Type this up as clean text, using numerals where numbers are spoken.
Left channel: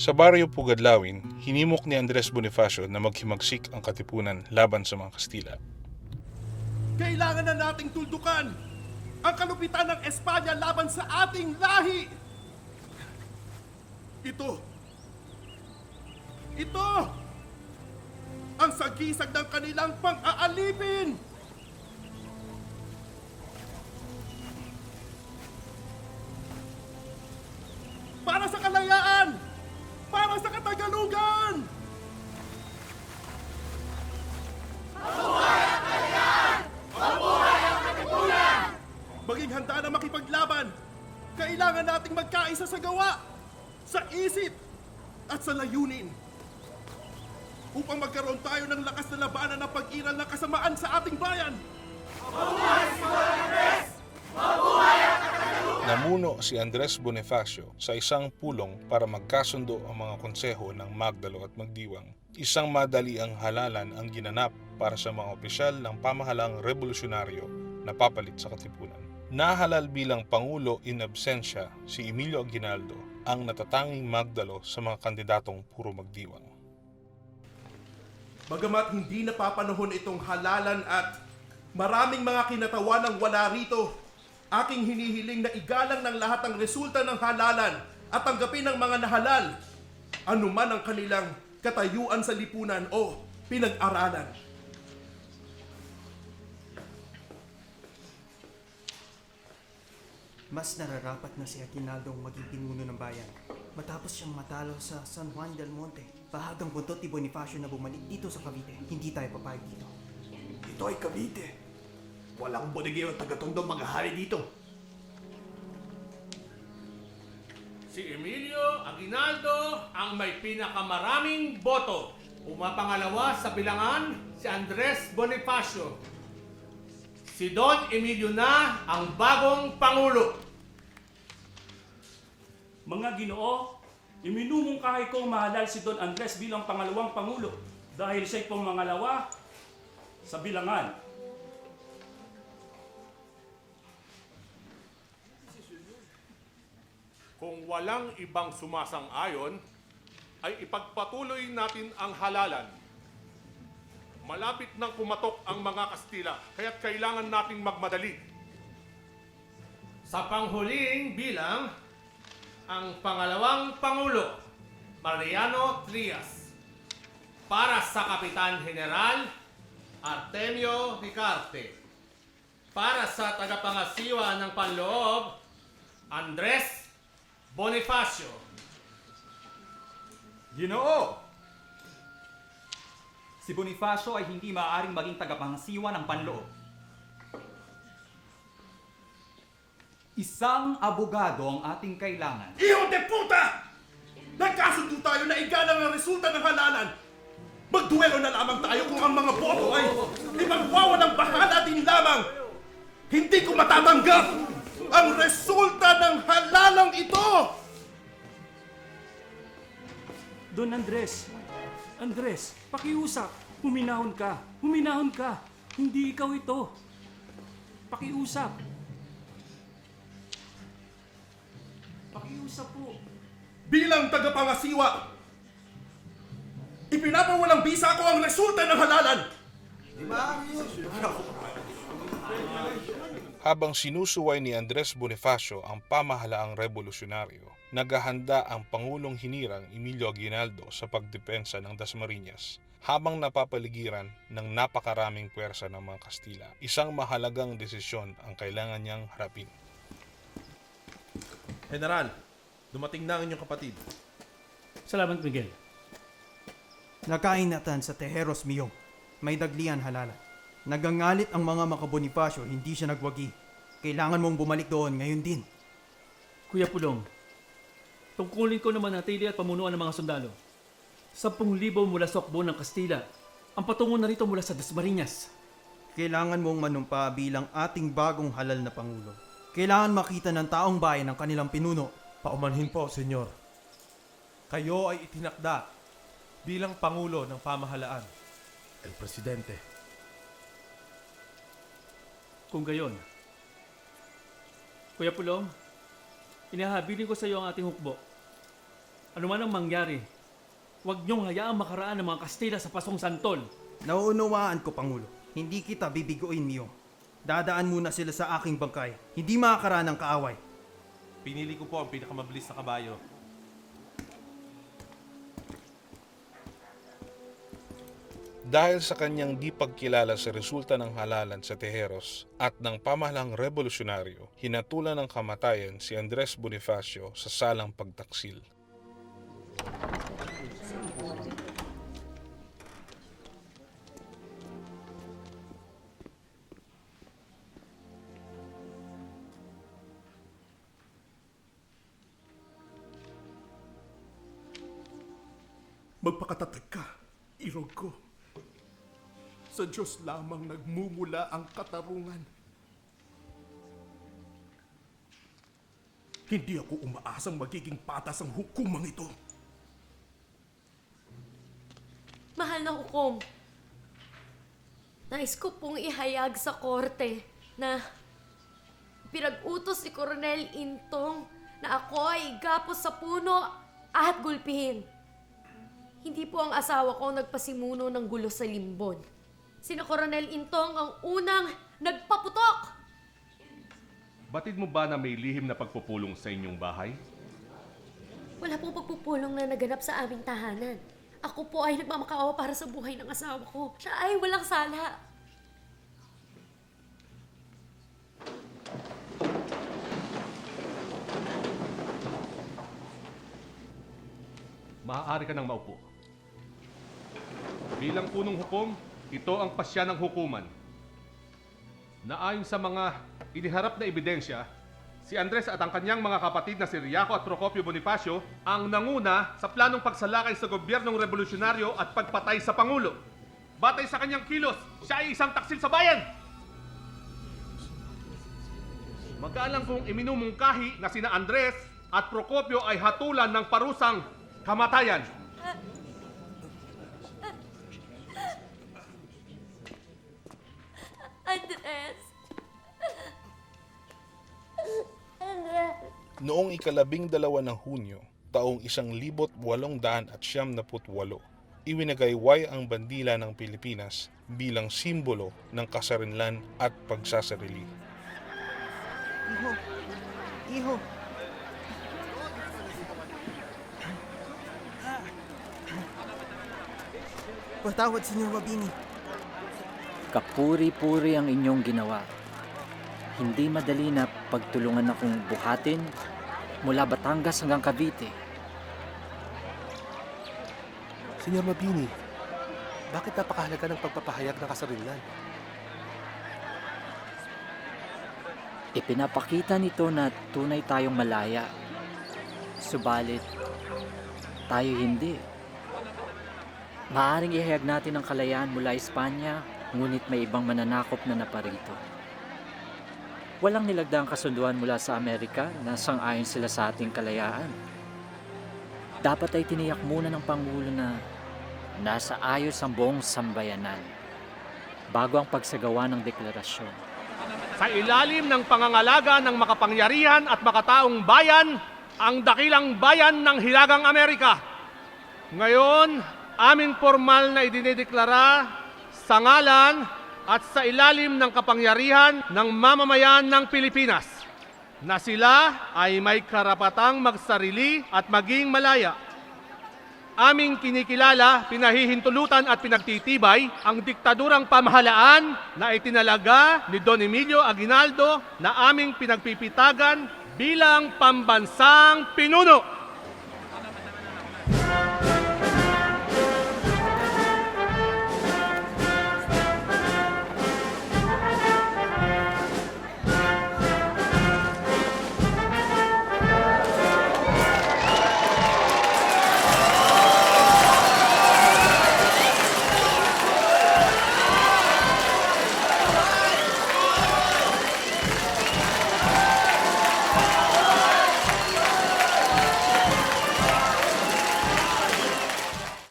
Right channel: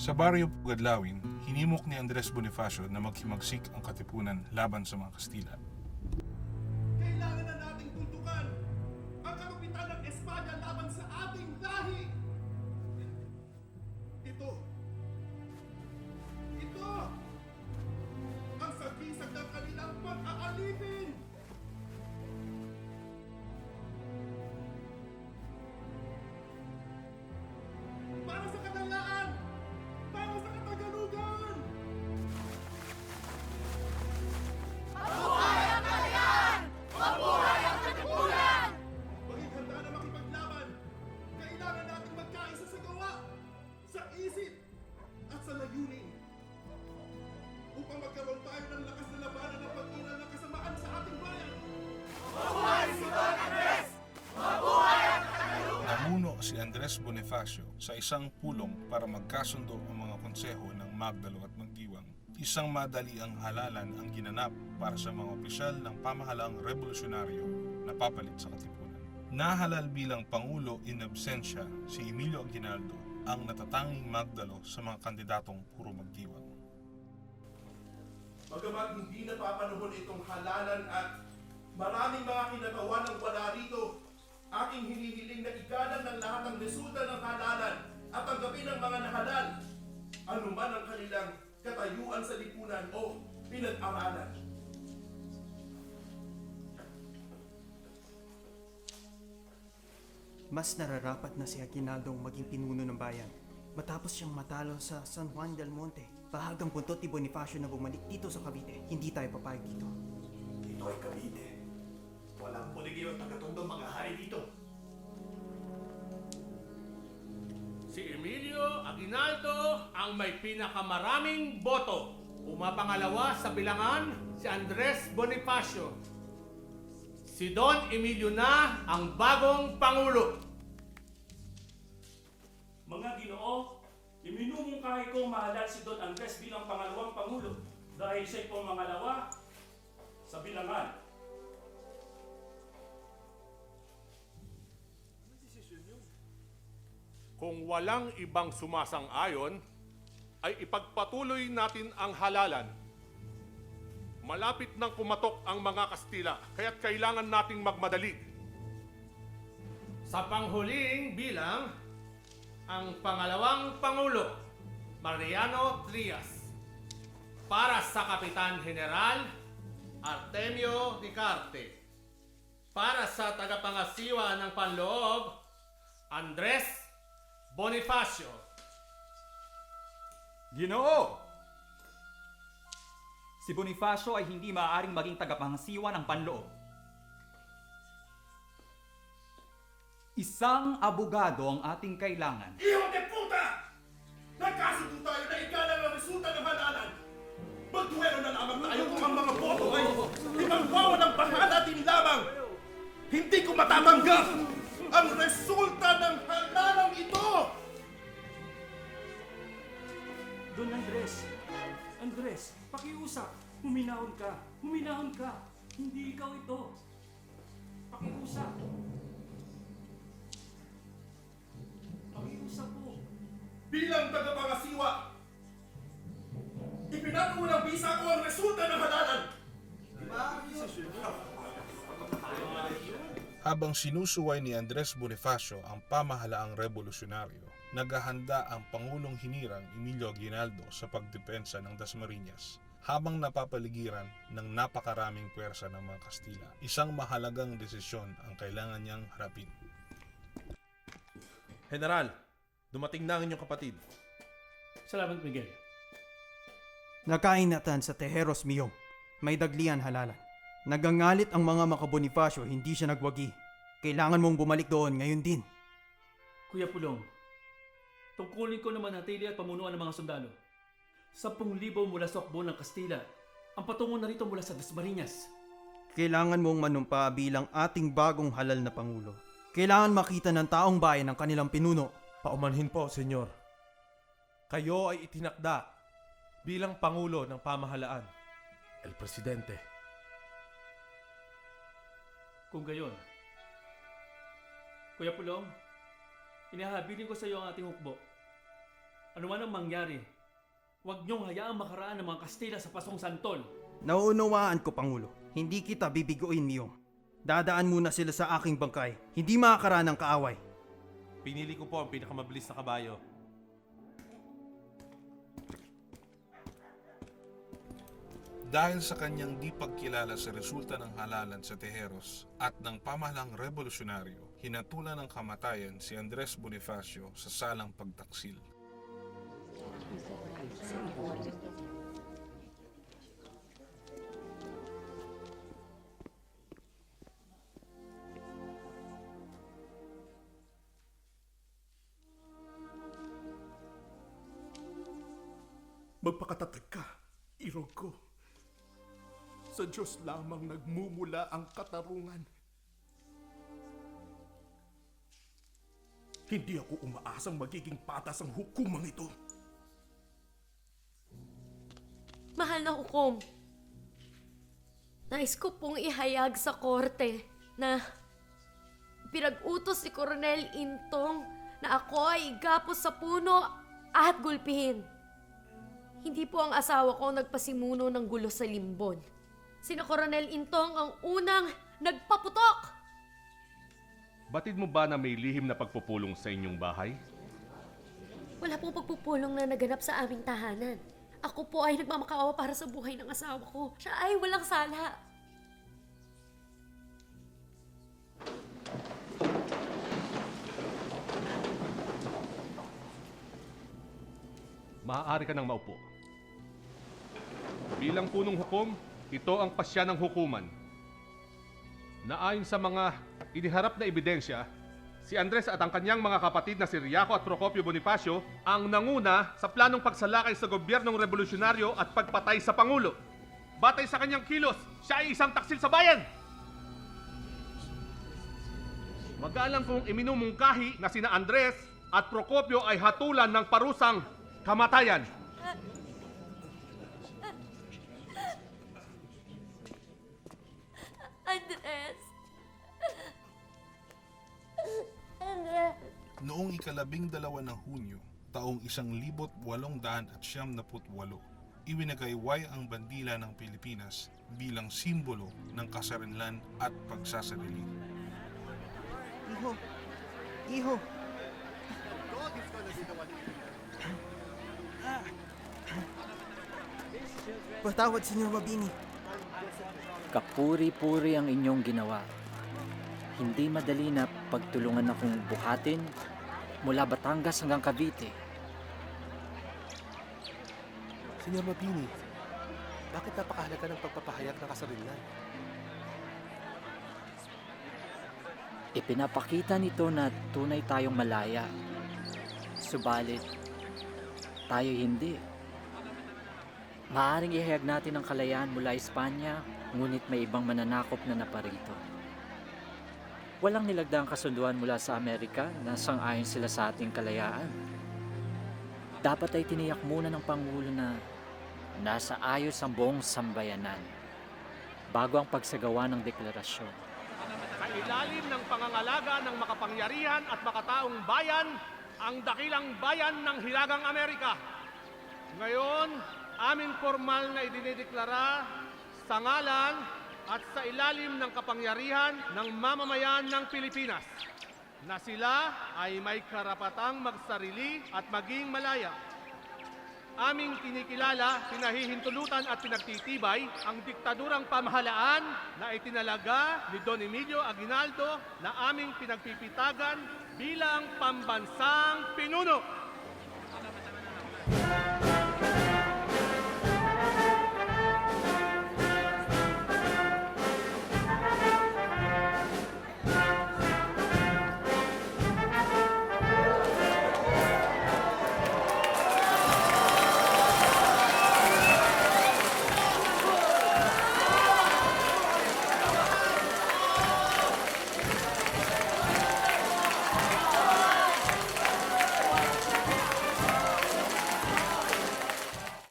Sa baryo Pugad Lawin, hinimok ni Andres Bonifacio na maghimagsik ang katipunan laban sa mga Kastila. Kailangan na nating tuldukan ang kalupitan ng Espanya laban sa ating lahi. Ito ang sagisag ng kanilang pang-aalipin. Para sa kalayaan, para sa Katagalugan. Mabuhay ang kalayaan! Mabuhay ang katipunan! Maging handa na makipaglaban, kailangan nating magkaisa sa gawa, sa isip, at sa layunin. Upang magkaroon tayo ng lakas na labanan ng pag-iral ng kasamaan sa ating bayan. Mabuhay si Andres! Mabuhay ang Katagalugan! Namuno si Andres Bonifacio sa isang pulong para magkasundo ang mga konseho ng Magdalo at Magdiwang. Isang madaliang halalan ang ginanap para sa mga opisyal ng pamahalang revolusyonaryo na papalit sa katipunan. Nahalal bilang Pangulo in absentia si Emilio Aguinaldo, ang natatanging Magdalo sa mga kandidatong puro Magdiwang. Bagamat hindi napapanahon itong halalan at maraming mga kinatawan ang wala rito, aking hinihiling na igalang ng lahat ang resulta ng halalan at tanggapin ng mga nahalal, anuman ang kanilang katayuan sa lipunan o pinag-aralan. Mas nararapat ng sa pinagawa ko ng piniling bayan. Matapos siyang matalo sa San Juan del Monte, bahatang buto ni Bonifacio na bumalik dito sa bansa hindi tayo papayag. Ito ay Cavite. Walang bodeguero at tagatundong mga hari dito. Si Emilio Aguinaldo ang may pinakamaraming boto. Umapangalawa sa bilangan si Andres Bonifacio. Si Don Emilio na ang bagong Pangulo. Mga Ginoo, iminumungkahi kong mahalal si Don Andres bilang pangalawang Pangulo dahil siya'y pumangalawa sa bilangan. Kung walang ibang sumasang-ayon, ay ipagpapulunin natin ang halalan. Malapit na pumatok ang mga Kastila, kaya kailangan natin magmadali. Sa panghuling bilang, ang pangalawang Pangulo, Mariano Trias. Para sa Kapitan General, Artemio Ricarte. Para sa tagapangasiwa ng Panloob, Andres Bonifacio. Ginoo! Si Bonifacio ay hindi maaaring maging tagapangasiwa ng panloob. Isang abogado ang ating kailangan. Iyon de puta! Nagkasundo tayo na igalang ang resulta ng halalan. Magduelo na lamang tayo kung ang mga boto ay ibang ng panghalatin lamang. Hindi ko matatanggap ang resulta ng halalang ito! Don Andres, pakiusap. Huminahon ka. Hindi ikaw ito. Pakiusap. Pakiusap po. Bilang tagapangasiwa, ipinapawalang bisa ko ang resulta ng halalan. Habang sinusuway ni Andres Bonifacio ang pamahalaang revolusyonaryo, naghahanda ang Pangulong Hinirang Emilio Aguinaldo sa pagdepensa ng Dasmariñas habang napapaligiran ng napakaraming puwersa ng mga Kastila. Isang mahalagang desisyon ang kailangan niyang harapin. General, dumating na ang inyong kapatid. Salamat, Miguel. Nakainatan sa Tejeros Museum. May daglian halalan. Nagangalit ang mga makabonifacio, hindi siya nagwagi. Kailangan mong bumalik doon ngayon din. Kuya Pudong, tungkulin ko naman ang tili at pamunuan ng mga sundalo. 10,000 mula sa Okbo ng Kastila ang patungo na rito mula sa Dasmariñas. Kailangan mong manumpa bilang ating bagong halal na Pangulo. Kailangan makita ng taong bayan ang kanilang pinuno. Pakumanhin po, senyor. Kayo ay inakda bilang Pangulo ng pamahalaan. Presidente. Kung gayon, Kuya Pulong, inahabilin ko sa iyo ang ating hukbo. Ano man ang mangyari, huwag niyong hayaang makaraan ng mga Kastila sa Pasong Santol. Nauunawaan ko, Pangulo. Hindi kita bibiguin, Miyong. Dadaan muna sila sa aking bangkay. Hindi makakaraan ng kaaway. Pinili ko po ang pinakamabilis na kabayo. Dahil sa kanyang di pagkilala sa resulta ng halalan sa Tejeros at ng pamahalang revolusyonaryo, hinatulan ng kamatayan si Andres Bonifacio sa salang pagtaksil. Magpakatatag ka, ilog ko. Sa Diyos lamang nagmumula ang katarungan. Hindi ako umaasang magiging patas ang hukumang ito. Mahal na ko. Nais ko pong ihayag sa korte na pinag-utos si Coronel Into na ako ay kapos sa puno at gulpingin. Hindi po ang asawa ko nagpasimuno ng gulo sa libon. Sino Coronel Into ang unang nagpaputok? Batid mo ba na may lihim na pagpupulong sa inyong bahay? Wala pong pagkukulang na naganap sa aming tahanan. Ako po ay napangkawa para sa buhay ng asawa ko. Siya ay walang sala. Maaari ka nang maupo. Bilang punong hukom, ito ang pasya ng hukuman. Na ayon sa mga iniharap na ebidensya, si Andres at ang kanyang mga kapatid na si Riaco at Procopio Bonifacio ang nanguna sa planong pagsalakay sa gobyernong revolusyonaryo at pagpatay sa Pangulo. Batay sa kanyang kilos, siya ay isang taksil sa bayan! Mag-aalang kong iminumungkahi na sina Andres at Procopio ay hatulan ng parusang kamatayan. Noong ika-12 ng Hunyo, taong 1878, iwinagayway ang bandila ng Pilipinas bilang simbolo ng kasarinlan at pagsasarili. Kapuri-puri ang inyong ginawa. Hindi madali na pagtulungan akong buhatin mula Batangas hanggang Cavite. Senyor Mabini, bakit napakahalaga ng pagpapahayag ng kasarinlan? Ipinapakita nito na tunay tayong malaya. Subalit, tayo hindi. Maaaring ihayag natin ang kalayaan mula Espanya, ngunit may ibang mananakop na naparito. Walang nilagdaang kasunduan mula sa Amerika na sang-ayon sila sa ating kalayaan. Dapat ay tiniyak muna ng Pangulo na nasa ayos ang buong sambayanan bago ang pagsagawa ng deklarasyon. Sa ilalim ng pangangalaga ng makapangyarihan at makataong bayan, ang dakilang bayan ng Hilagang Amerika. Ngayon, aming formal na idinideklara sa ngalan at sa ilalim ng kapangyarihan ng mamamayan ng Pilipinas na sila ay may karapatang magsarili at maging malaya. Aming kinikilala, pinahihintulutan at pinagtitibay ang diktadurang pamahalaan na itinalaga ni Don Emilio Aguinaldo na aming pinagpipitagan bilang pambansang pinuno.